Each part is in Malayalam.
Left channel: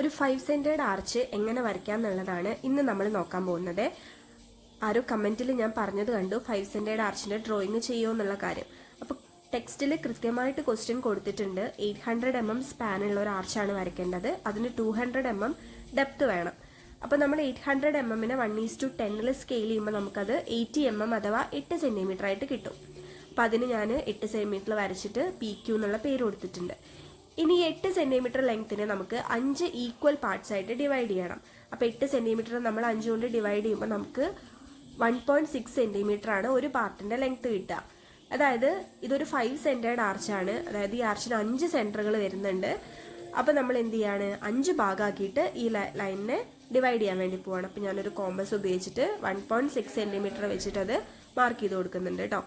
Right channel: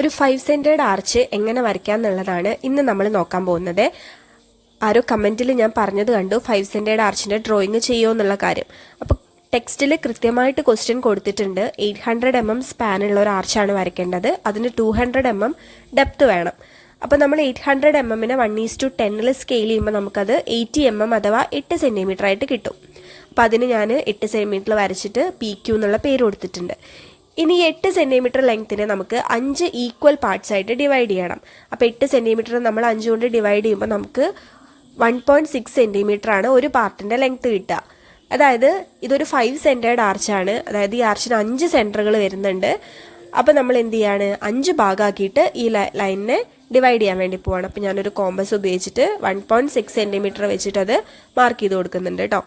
ഒരു 5 സെൻറ്റേഡ് ആർച്ച് എങ്ങനെ വരയ്ക്കാം എന്നുള്ളതാണ് ഇന്ന് നമ്മൾ നോക്കാൻ പോകുന്നത്. ആരോ കമൻറ്റിൽ ഞാൻ പറഞ്ഞത് കണ്ടു 5 സെൻറ്റേഡ് ആർച്ചിൻ്റെ ഡ്രോയിങ് ചെയ്യുമോ എന്നുള്ള കാര്യം. അപ്പോൾ ടെക്സ്റ്റിൽ കൃത്യമായിട്ട് ക്വസ്റ്റ്യൻ കൊടുത്തിട്ടുണ്ട്. 800 mm സ്പാനുള്ള ഒരു ആർച്ചാണ് വരയ്ക്കേണ്ടത്. അതിന് 200 mm ഡെപ്ത് വേണം. അപ്പോൾ നമ്മൾ 800 mm 1:10 സ്കെയിൽ ചെയ്യുമ്പോൾ നമുക്കത് 80 mm അഥവാ 8 സെൻറ്റിമീറ്റർ ആയിട്ട് കിട്ടും. അപ്പോൾ അതിന് ഞാൻ 8 സെൻറ്റിമീറ്റർ വരച്ചിട്ട് PQ എന്നുള്ള പേര് കൊടുത്തിട്ടുണ്ട്. ഇനി 8 സെൻറ്റിമീറ്റർ ലെങ്ത്തിനെ നമുക്ക് 5 ഈക്വൽ പാർട്സ് ആയിട്ട് ഡിവൈഡ് ചെയ്യണം. അപ്പോൾ 8 സെൻറ്റിമീറ്റർ നമ്മൾ 5 കൊണ്ട് ഡിവൈഡ് ചെയ്യുമ്പോൾ നമുക്ക് 1.6 സെൻറ്റിമീറ്റർ ആണ് ഒരു പാർട്ടിൻ്റെ ലെങ്ത്ത് കിട്ടുക. അതായത് ഇതൊരു 5 സെൻറ്റേഡ് ആർച്ചാണ്. അതായത് ഈ ആർച്ചിന് 5 സെൻറ്ററുകൾ വരുന്നുണ്ട്. അപ്പോൾ നമ്മൾ എന്ത് ചെയ്യാണ്, 5 ഭാഗമാക്കിയിട്ട് ഈ ലൈനിനെ ഡിവൈഡ് ചെയ്യാൻ വേണ്ടി പോവാണ്. അപ്പോൾ ഞാനൊരു കോമ്പസ് ഉപയോഗിച്ചിട്ട് 1.6 സെൻറ്റിമീറ്റർ വെച്ചിട്ട് അത് മാർക്ക് ചെയ്ത് കൊടുക്കുന്നുണ്ട് കേട്ടോ.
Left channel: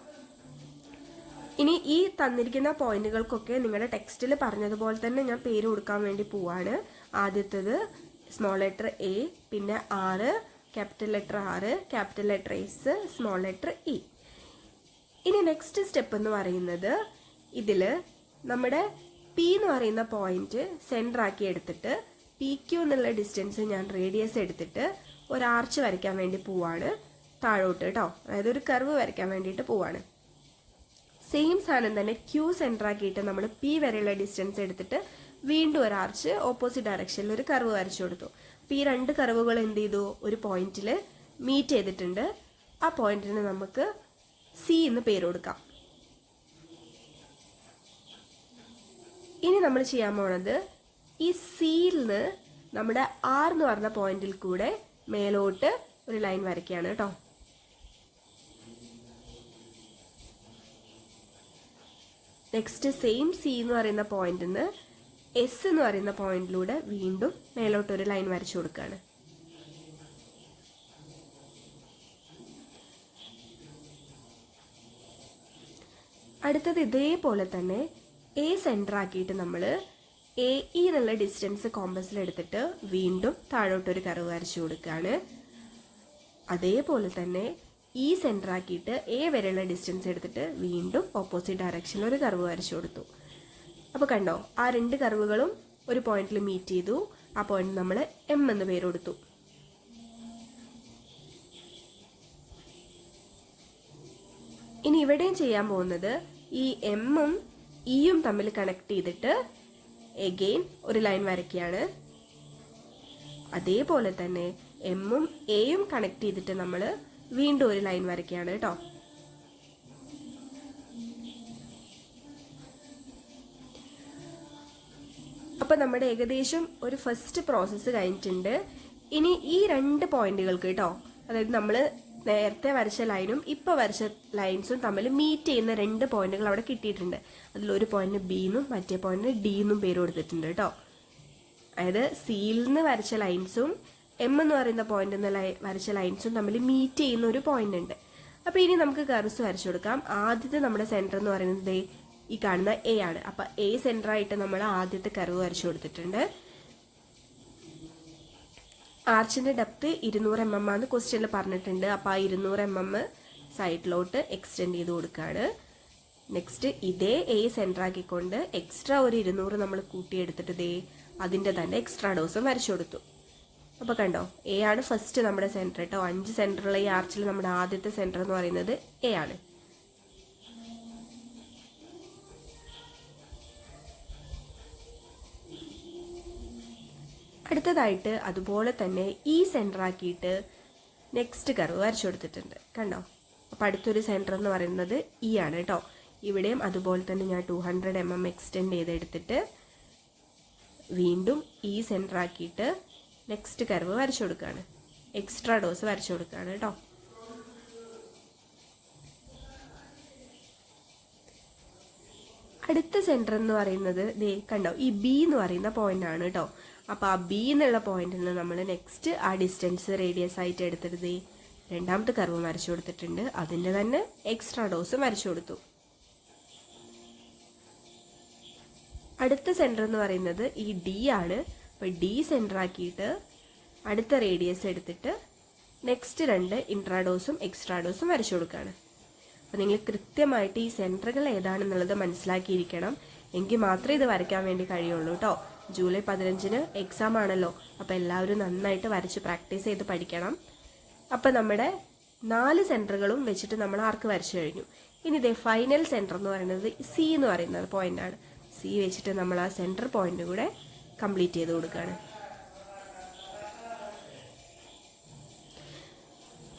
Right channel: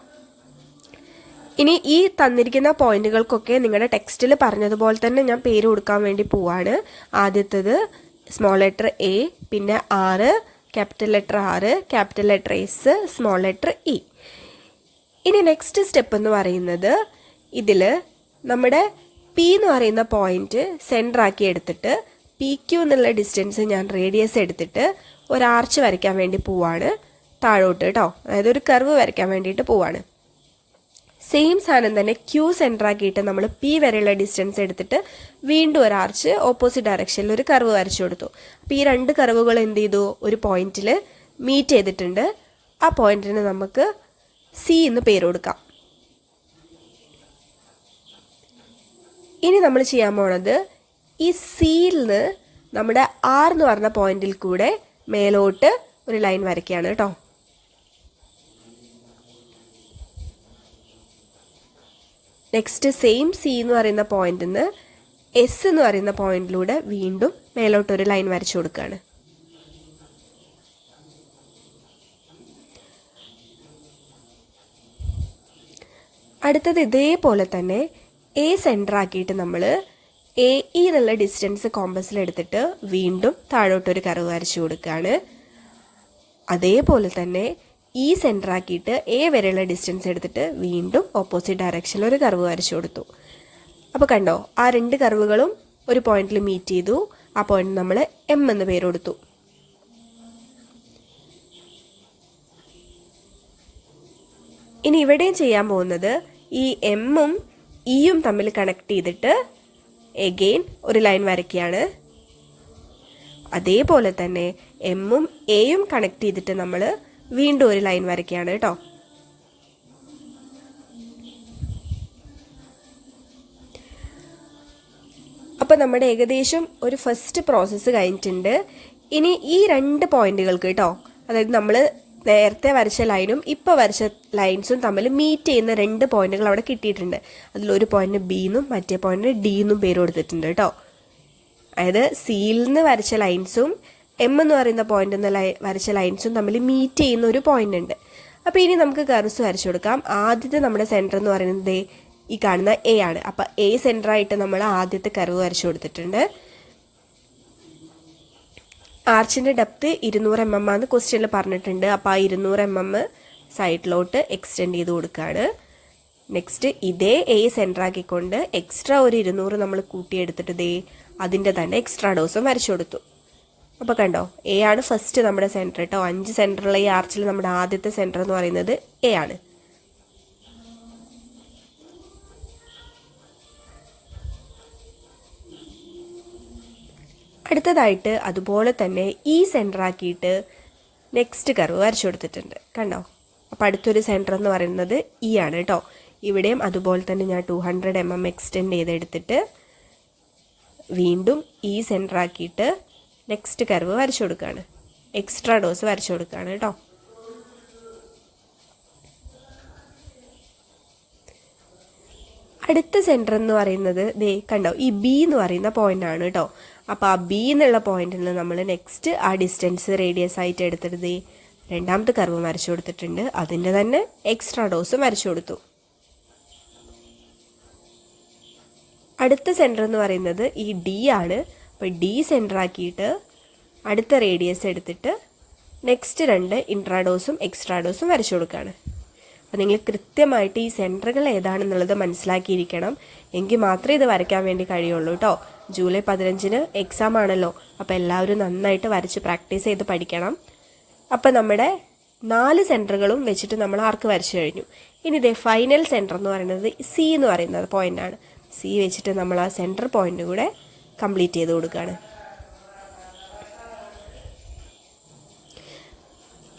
ഇനി ഈ തന്നിരിക്കുന്ന പോയിന്റുകൾക്കൊക്കെ നിങ്ങളുടെ ടെക്സ്റ്റിൽ പറഞ്ഞതുപോലെ തന്നെ ഞാൻ പേര് കൊടുക്കാൻ വേണ്ടി പോവാണ്. ആദ്യത്തേത് സ്മോൾ ലെറ്റർ എ, പിന്നെ R, capital letter R, capital letter S, small letter E. ഇനി നെക്സ്റ്റ് സ്റ്റെപ്പ് എന്ന് പറയുന്നത് ഇതിൽ നമ്മുടെ P എന്ന് പറയുന്ന പോയിന്റ് സെൻറ്റർ ആക്കി എടുത്തിട്ട് PQ എന്നുള്ള ഡിസ്റ്റൻസ് ഞാൻ റേഡിയസ് എടുത്തിട്ട് ഒരു ആർച്ച് വരയ്ക്കാൻ വേണ്ടി പോവാണ് താഴോട്ട് കേട്ടോ. അതായത് ഒരു കർവ് വരയ്ക്കാൻ വേണ്ടിയിട്ട് പോവാണ്. സെയിം സാധനം തന്നെ Q സെൻറ്റർ ആക്കിയിട്ട് നമ്മൾ P വരെയുള്ള ഡിസ്റ്റൻസ് എടുത്തിട്ട് വീണ്ടും ഒരു ആർച്ച് ഓപ്പോസിറ്റ് ഡയറക്ഷനിൽ ഒരു കർവ് വരച്ചു കൊടുത്തു. അപ്പോൾ ഈ രണ്ട് കർവുകൾ എന്ത് ചെയ്തു, ഒരു പോയിന്റിൽ മീറ്റ് ചെയ്തിട്ടുണ്ട്. ആ പോയിന്റിന് നമുക്ക് C എന്ന് പേര് കൊടുക്കാം. ഇനി നമ്മൾ ചെയ്യാൻ പോണത് ഈ Cയിൽ നിന്ന് നമ്മുടെ R എന്ന് പറഞ്ഞ പോയിന്റിൽ കൂടെ മേലോട്ട് ഒരു ലൈൻ വരയ്ക്കുകയാണ് കേട്ടോ. നെക്സ്റ്റ് സെയിം C എന്ന് പറയുന്ന പോയിന്റിൽ നിന്ന് S എന്ന് പറയുന്ന പോയിന്റിലൂടെ വീണ്ടും മേലോട്ടൊരു ലൈൻ വരച്ചു കൊടുക്കുകയാണ്. അടുത്തത് ഇതേപോലെ തന്നെ A സെൻറ്റർ ആക്കിയിട്ട് നമ്മൾ AE എന്നുള്ള ഡിസ്റ്റൻസ് കോമ്പസിൽ എടുത്തിട്ട് വീണ്ടും താഴോട്ടൊരു കർവ് വരച്ചു കൊടുക്കുകയാണ്. അതേപോലെ തന്നെ E സെൻറ്റർ ആക്കിയിട്ട് A വരെയുള്ള ഡിസ്റ്റൻസ് എടുത്തിട്ട് വീണ്ടും ഓപ്പോസിറ്റ് ഡയറക്ഷനിൽ ഒരു കർവ് വരച്ചു കൊടുത്തു. അപ്പോൾ കണ്ടോ, ആ രണ്ട് കർവുകളും ഒരു പോയിന്റിൽ മീറ്റ് ചെയ്തു. ആ പോയിന്റ് നമ്മൾ M എന്ന് പേര് കൊടുത്തു. ഇനി ഇവിടെയും ചെയ്യാൻ പോകുന്നത് ഈ എമ്മും ഇയും തമ്മിൽ കണക്ട് ചെയ്തിട്ട് എഗെയിൻ ഒരു ലൈൻ വരയ്ക്കുകയാണ്. അതേപോലെ തന്നെ എമ്മും എയും കണക്ട് ചെയ്തിട്ട് നമ്മൾ വീണ്ടും ഒരു ലൈൻ വരയ്ക്കുകയാണ് കേട്ടോ. അപ്പോൾ നമ്മുടെ ഏകദേശം ഒരു ഫസ്റ്റ് പ്രോസസ്സ് കഴിഞ്ഞിട്ടുണ്ട്. ഇനി ഈ രണ്ട് പോയിന്റുകൾക്ക് കേട്ടോ, അതായത് നമ്മൾ നേരത്തെ വരച്ച ലൈനും ഇപ്പോൾ വരച്ച ലൈൻസും തമ്മിൽ മീറ്റ് ചെയ്യുന്ന രണ്ട് പോയിന്റുകൾ അവിടെ കിട്ടിയിട്ടുണ്ട്. അതിലൊരു പോയിന്റിന് B എന്നും മറ്റേ പോയിന്റിന് D എന്നും പേര് കൊടുത്തിട്ടുണ്ട് കേട്ടോ. അതായത് Cയിൽ നിന്ന് വരച്ച ലൈൻസും M എന്ന് പറയുന്ന പോയിന്റ് നിന്ന് വരച്ച ലൈൻസും തമ്മിൽ മീറ്റ് ചെയ്യുന്ന ഒരു പോയിന്റ് ഉണ്ട്. അപ്പോൾ ഇനി നമുക്ക് കർവ്സ് വരച്ചു കൊടുക്കാം. ആദ്യത്തെ നമ്മുടെ സെൻറ്റർ എന്ന് പറയുന്നത് ഈ കാണുന്ന A ആണ്. അപ്പോൾ A സെൻറ്ററായിട്ട് നമ്മൾ ആദ്യത്തെ കർവ് വരച്ചു കൊടുത്തിട്ടുണ്ട്. ആർച്ചിൻ്റെ ഡെപ്ത് 200 mm ആണെന്ന് ക്വസ്റ്റ്യനിൽ പറഞ്ഞിട്ടുണ്ട്. അപ്പോൾ ആ 200 mm സൈഡിലോട്ട് എക്സ്റ്റെൻഡ് ചെയ്ത് കൊടുക്കുകയാണ്. നെക്സ്റ്റ് ഇതേ A സെൻറ്റർ ആക്കിക്കൊണ്ട് എക്സ്ട്രാ ഒരു 200 നമ്മൾ കൂട്ടിയെടുത്തിട്ട് ഇതേ അതിൻ്റെ തന്നെ എക്സ്ട്രാ ഡോസും വരച്ചു കൊടുത്തു. അപ്പോൾ കണ്ടോ, A ആണ് ഫസ്റ്റ് നമ്മുടെ സെൻറ്റർ കേട്ടോ. 5 സെൻറ്ററുള്ള ഈ ആർച്ചിൽ നമ്മുടെ ആദ്യത്തെ സെൻറ്റർ എന്ന് പറയുന്നത് A ആണ്. അടുത്തതായിട്ട് അതുപോലെ തന്നെ ഈ സെൻറ്റർ ആക്കിയിട്ട് നെക്സ്റ്റ് കർവ് വരച്ചു കൊടുത്തിട്ടുണ്ട് കണ്ടോ. അപ്പോൾ അടുത്തൊരു സെൻറ്റർ എന്ന് പറയുന്നത് E ആണ് കേട്ടോ. ഇവിടെയും അതുപോലെ തന്നെ ഞാൻ 200 mm എക്സ്റ്റെൻഡ് ചെയ്തെടുത്തിട്ട് വീണ്ടും ഈ സെൻറ്റർ ആക്കിയിട്ട് നെക്സ്റ്റ് കർവ് വരച്ചു കൊടുക്കുകയാണ്. എക്സ്ട്രാ ഡോസ് വരച്ചു കൊടുക്കുകയാണ് കേട്ടോ. അടുത്ത സെൻറ്റർ എന്ന് പറയുന്നത് ദേ കണ്ടോ, ഈ B എന്ന് പറയുന്ന പോയിന്റ് ആണ് കേട്ടോ. അപ്പോൾ ആ B എന്നുള്ള പോയിന്റിൽ നിന്ന് നമ്മൾ നെക്സ്റ്റ് ആ ഡിസ്റ്റൻസ് റേഡിയസ് ആയിട്ട് എടുത്തിട്ട് രണ്ടാമത്തെ കർവ് വരച്ചു കൊടുത്തിട്ടുണ്ട്. അതിൻ്റെ തന്നെ എക്സ്ട്രാ ഡോസും വരച്ചു കൊടുത്തു. അടുത്ത സെൻറ്റർ എന്ന് പറയുന്നത് ഈ D ആണ്. അപ്പോൾ D സെൻറ്റർ ആക്കിയിട്ട് അടുത്ത റേഡിയസ് എടുത്തിട്ട് നെക്സ്റ്റ് രണ്ട് ഇൻട്രാഡോസും എക്സ്ട്രാ ഡോസും വരച്ചു കൊടുക്കുകയാണ്. അപ്പോൾ നിങ്ങൾ കൃത്യമായിട്ട് ഈ സെൻറ്ററുകൾ ഏതാണെന്നുള്ളത് മനസ്സിലാക്കിയിരിക്കണം. എങ്കിൽ മാത്രമേ ഇത് വരയ്ക്കാൻ വേണ്ടി കഴിയുള്ളൂ കേട്ടോ. ജൂലൈ 15 എക്സാം ആണല്ലോ. അപ്പോൾ എല്ലാവരും നന്നായിട്ട് വരച്ച് പ്രാക്ടീസ് ചെയ്ത് പഠിക്കണം. അപ്പോൾ നമ്മുടെ 4 സെൻറ്ററുകളും വെച്ചിട്ട് നമ്മൾ ആർക്ക് വരച്ചു കഴിഞ്ഞു. ഇനി ഇതേ ഫൈനൽ സെൻറ്റർ എന്ന് പറയുന്നത് സി എന്ന് പറയുന്നത് പോയിൻ്റാണ്. സി വെച്ചിട്ട് നമ്മൾ ആ സെൻറ്റർ പോയിൻ്റ് കൂടെ കംപ്ലീറ്റ് ചെയ്ത് കൊടുക്കുകയാണ്.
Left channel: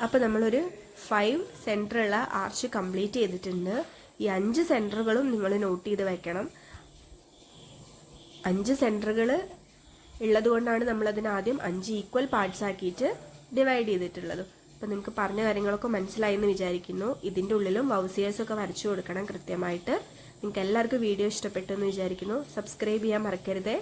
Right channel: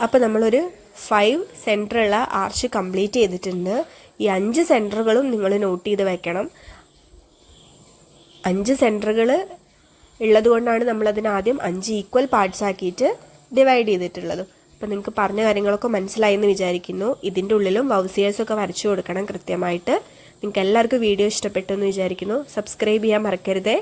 അപ്പോൾ നമ്മളൊരു 5 സെൻറ്ററുള്ള ആർച്ച് കംപ്ലീറ്റ് ചെയ്തിട്ടുണ്ട്. ഈ 5 സെൻറ്ററുകളും നിങ്ങൾ നോട്ട് ചെയ്ത് വെക്കണം. 5 സെൻറ്ററുകൾ ഉള്ളത് കൊണ്ടാണ് നമ്മളതിന് ആദ്യം 5 ഈക്വൽ പാർട്സ് ആക്കിയിട്ട് ഡിവൈഡ് ചെയ്തിട്ടുള്ളത്. അപ്പോൾ നിങ്ങൾക്ക് പറഞ്ഞ കാര്യങ്ങളൊക്കെ മനസ്സിലായി എന്ന് വിചാരിക്കുന്നു. ഇതിൻ്റെ ഉള്ളിലും വൗസിയേഴ്സൊക്കെ വരച്ചു കൊടുക്കണം കൃത്യമായിട്ട്. നിങ്ങൾക്ക് എല്ലാവർക്കും വീഡിയോ ഇഷ്ടപ്പെട്ടു എന്ന് വിചാരിക്കുന്നു. സബ്സ്ക്രൈബ് ചെയ്യാൻ മറക്കരുതേ.